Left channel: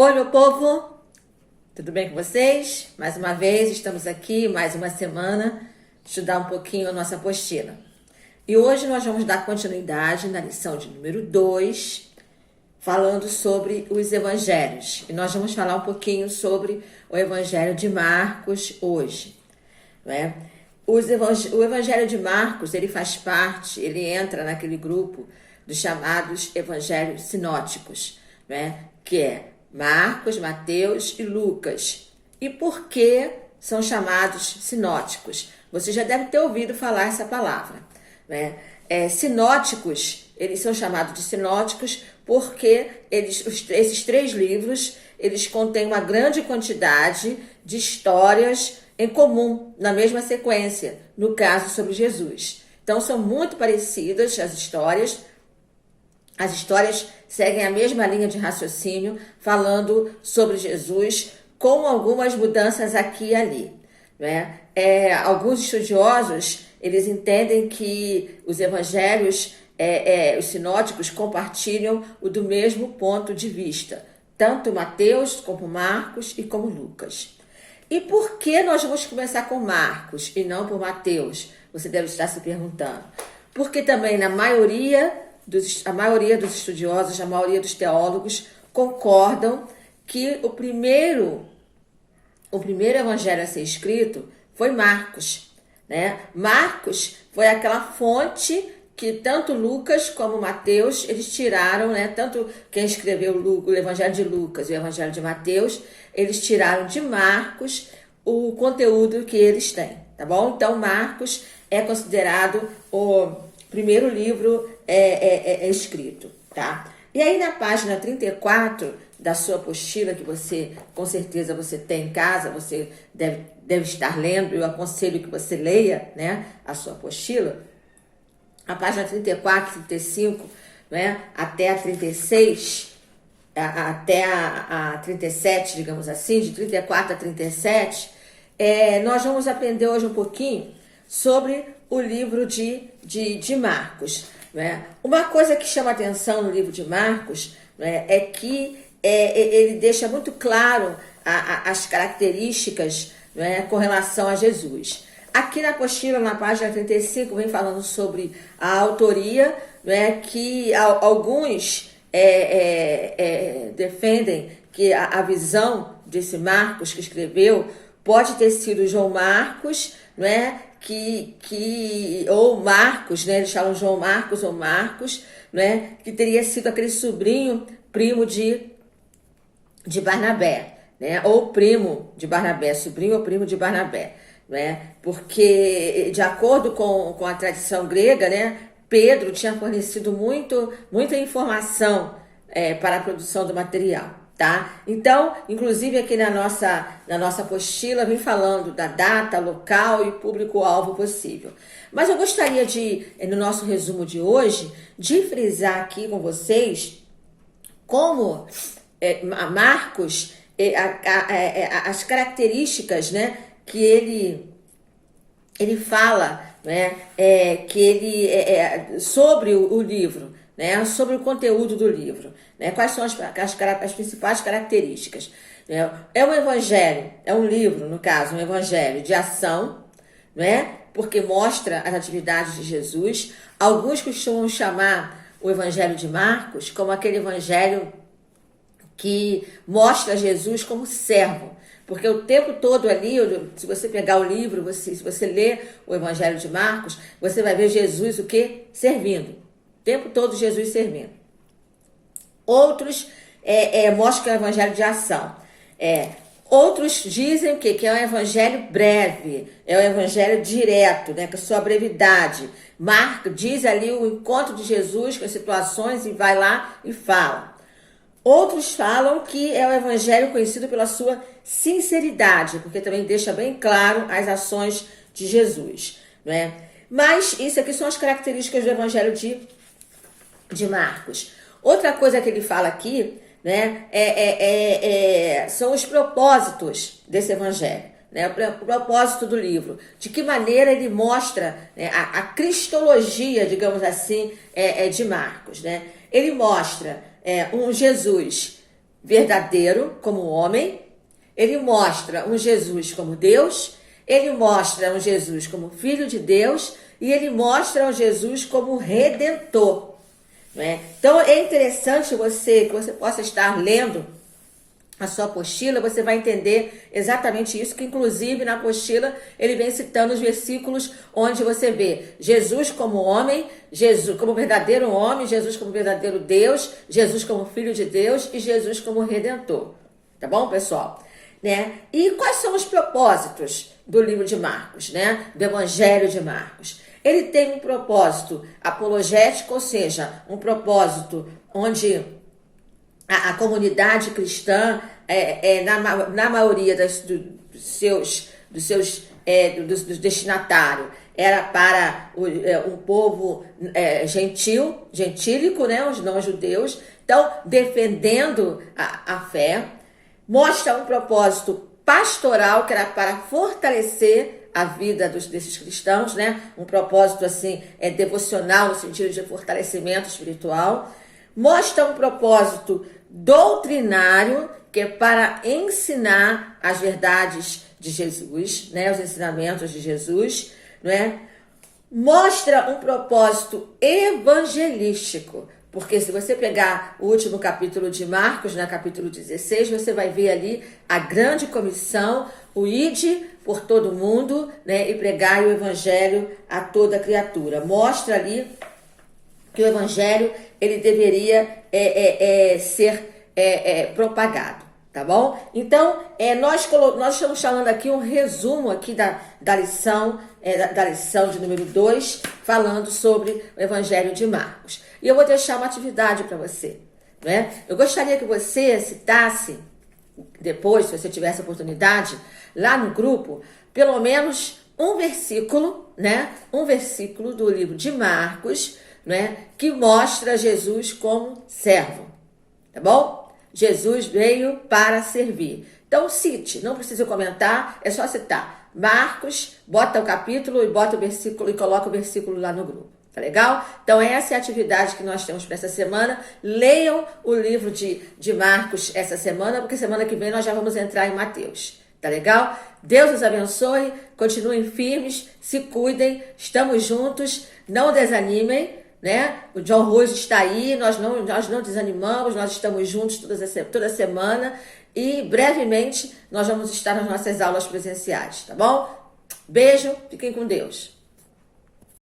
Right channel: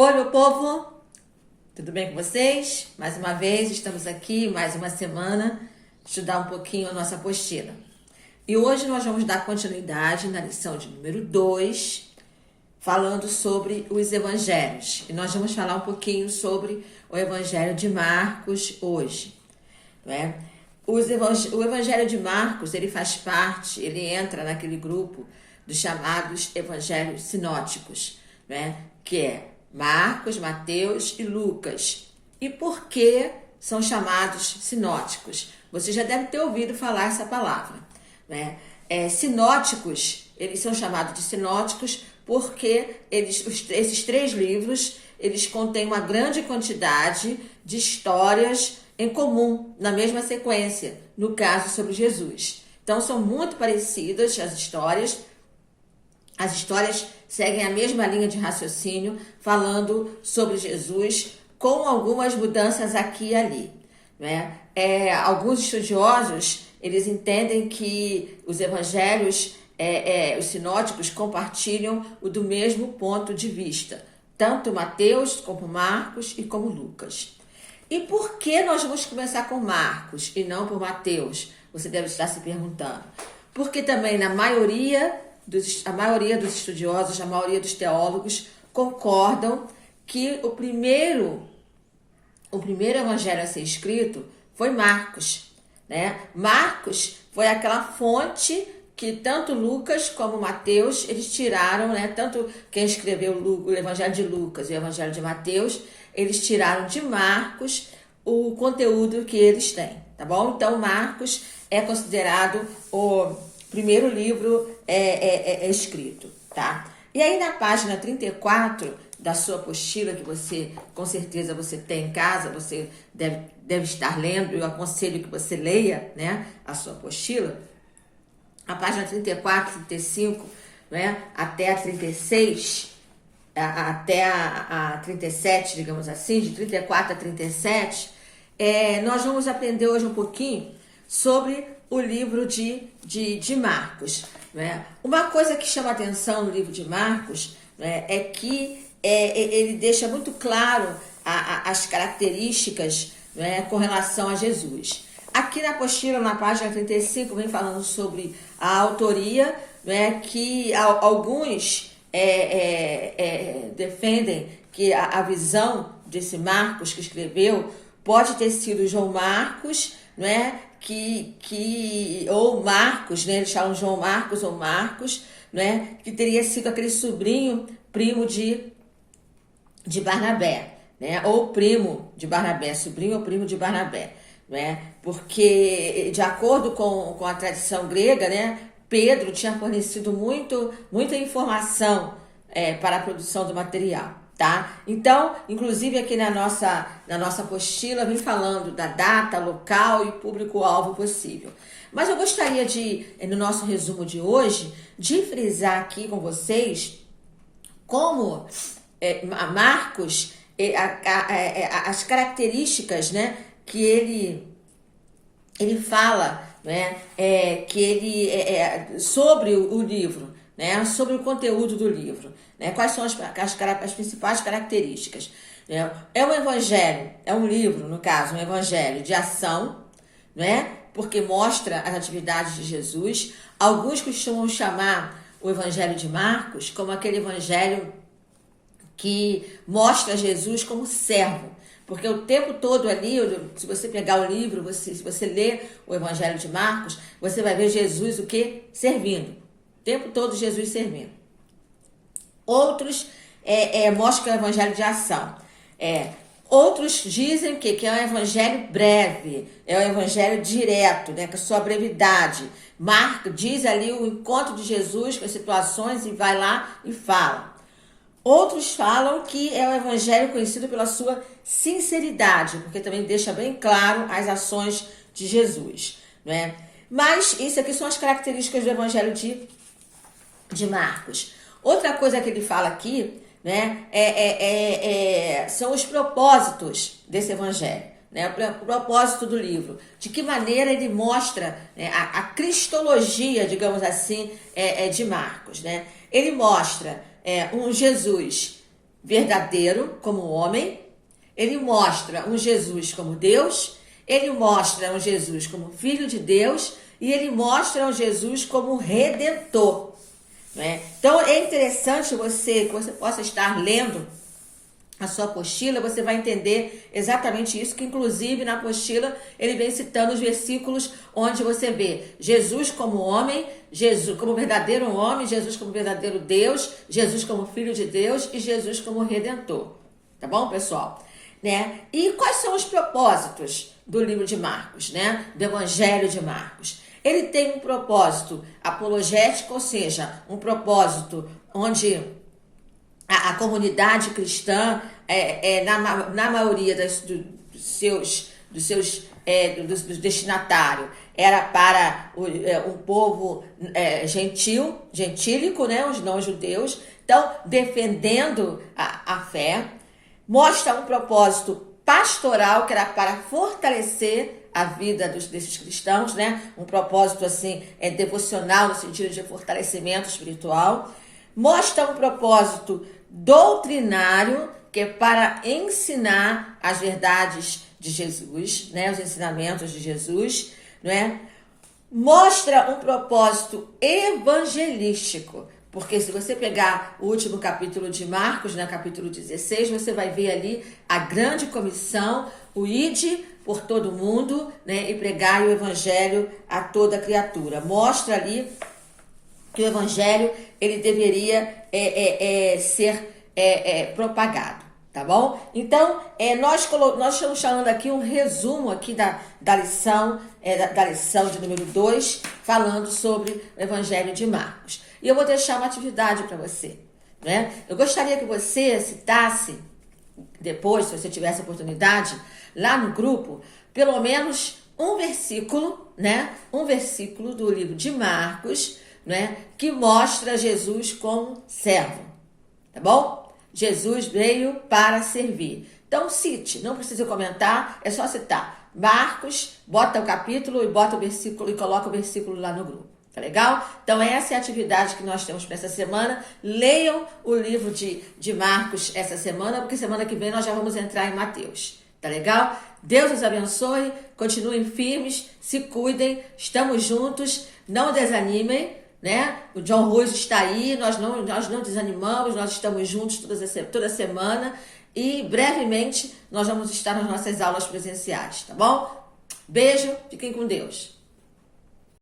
Oi, meu povo! Tudo bem com vocês? Mais uma vez, estamos aqui, mais uma semana, estudar um pouquinho a nossa apostila. E hoje nós vamos dar continuidade na lição de número 2, falando sobre os evangelhos. E nós vamos falar um pouquinho sobre o evangelho de Marcos hoje, não é? O evangelho de Marcos, ele faz parte, ele entra naquele grupo dos chamados evangelhos sinóticos, né? Que é Marcos, Mateus e Lucas. E por que são chamados sinóticos? Você já deve ter ouvido falar essa palavra, né? Sinóticos, eles são chamados de sinóticos porque esses três livros, eles contêm uma grande quantidade de histórias em comum, na mesma sequência, no caso sobre Jesus. Então, são muito parecidas as histórias. As histórias seguem a mesma linha de raciocínio, falando sobre Jesus, com algumas mudanças aqui e ali, né? Alguns estudiosos, eles entendem que os evangelhos, os sinóticos, compartilham o do mesmo ponto de vista, tanto Mateus como Marcos e como Lucas. E por que nós vamos começar com Marcos e não por Mateus? Você deve estar se perguntando. Porque também a maioria dos estudiosos, a maioria dos teólogos concordam que o primeiro evangelho a ser escrito foi Marcos, né? Marcos foi aquela fonte que tanto Lucas como Mateus, eles tiraram, né? Tanto quem escreveu o evangelho de Lucas e o evangelho de Mateus, eles tiraram de Marcos o conteúdo que eles têm, tá bom? Então, Marcos é considerado o primeiro livro escrito, tá? E aí, na página 34 da sua apostila, que você, com certeza, você tem em casa, você deve estar lendo, eu aconselho que você leia, né, a sua apostila, a página 34, 35, né, até a 36, até a 37, digamos assim, de 34 a 37, nós vamos aprender hoje um pouquinho sobre o livro de Marcos, né? Uma coisa que chama atenção no livro de Marcos, né, é que ele deixa muito claro as características, né, com relação a Jesus. Aqui na apostila, na página 35, vem falando sobre a autoria, né, que alguns defendem que a visão desse Marcos que escreveu pode ter sido João Marcos, né, ou Marcos, né, eles falam João Marcos ou Marcos, né, que teria sido aquele sobrinho, primo de Barnabé, né, ou primo de Barnabé, sobrinho ou primo de Barnabé, né, porque de acordo com a tradição grega, né, Pedro tinha fornecido muita informação para a produção do material, tá? Então, inclusive aqui na nossa apostila, vem falando da data, local e público-alvo possível. Mas eu gostaria no nosso resumo de hoje, de frisar aqui com vocês como Marcos, as características, né, que ele fala, né, sobre o livro, né, sobre o conteúdo do livro, né, quais são as principais características. É um evangelho, é um livro, no caso, um evangelho de ação, né, porque mostra as atividades de Jesus. Alguns costumam chamar o evangelho de Marcos como aquele evangelho que mostra Jesus como servo, porque o tempo todo ali, se você pegar o livro, se você ler o evangelho de Marcos, você vai ver Jesus o quê? Servindo. O tempo todo Jesus servindo. Outros mostram que é um evangelho de ação. Outros dizem que é um evangelho breve, é um evangelho direto, né, com a sua brevidade. Marcos diz ali o encontro de Jesus com as situações e vai lá e fala. Outros falam que é um evangelho conhecido pela sua sinceridade, porque também deixa bem claro as ações de Jesus, né? Mas isso aqui são as características do evangelho de Marcos. Outra coisa que ele fala aqui, né, são os propósitos desse evangelho, né, o propósito do livro. De que maneira ele mostra, né, a cristologia, digamos assim, de Marcos, né? Ele mostra um Jesus verdadeiro como homem, ele mostra um Jesus como Deus, ele mostra um Jesus como Filho de Deus e ele mostra um Jesus como Redentor. Né? Então é interessante que você possa estar lendo a sua apostila, você vai entender exatamente isso, que inclusive na apostila ele vem citando os versículos onde você vê Jesus como homem, Jesus como verdadeiro homem, Jesus como verdadeiro Deus, Jesus como Filho de Deus e Jesus como Redentor. Tá bom, pessoal? Né? E quais são os propósitos do livro de Marcos, né? Do Evangelho de Marcos? Ele tem um propósito apologético, ou seja, um propósito onde a comunidade cristã, na maioria dos seus destinatários, era para um povo gentílico, né, os não-judeus, então defendendo a fé. Mostra um propósito pastoral, que era para fortalecer a vida desses cristãos, né? Um propósito assim, devocional, no sentido de fortalecimento espiritual. Mostra um propósito doutrinário, que é para ensinar as verdades de Jesus, né? Os ensinamentos de Jesus, não é? Mostra um propósito evangelístico, porque se você pegar o último capítulo de Marcos, né, capítulo 16, você vai ver ali a grande comissão, o ide por todo mundo, né, e pregai o evangelho a toda criatura. Mostra ali que o evangelho ele deveria ser propagado, tá bom? Então, nós estamos falando aqui um resumo aqui da lição de número 2, falando sobre o evangelho de Marcos. E eu vou deixar uma atividade para você, né? Eu gostaria que você citasse, depois, se você tiver essa oportunidade, lá no grupo, pelo menos um versículo, né? Um versículo do livro de Marcos, né? Que mostra Jesus como servo, tá bom? Jesus veio para servir. Então cite, não precisa comentar, é só citar. Marcos, bota o capítulo e bota o versículo e coloca o versículo lá no grupo. Tá legal? Então essa é a atividade que nós temos para essa semana. Leiam o livro de Marcos essa semana, porque semana que vem nós já vamos entrar em Mateus. Tá legal? Deus os abençoe, continuem firmes, se cuidem, estamos juntos, não desanimem, né? O John Rose está aí, nós não desanimamos, nós estamos juntos toda semana e brevemente nós vamos estar nas nossas aulas presenciais, tá bom? Beijo, fiquem com Deus.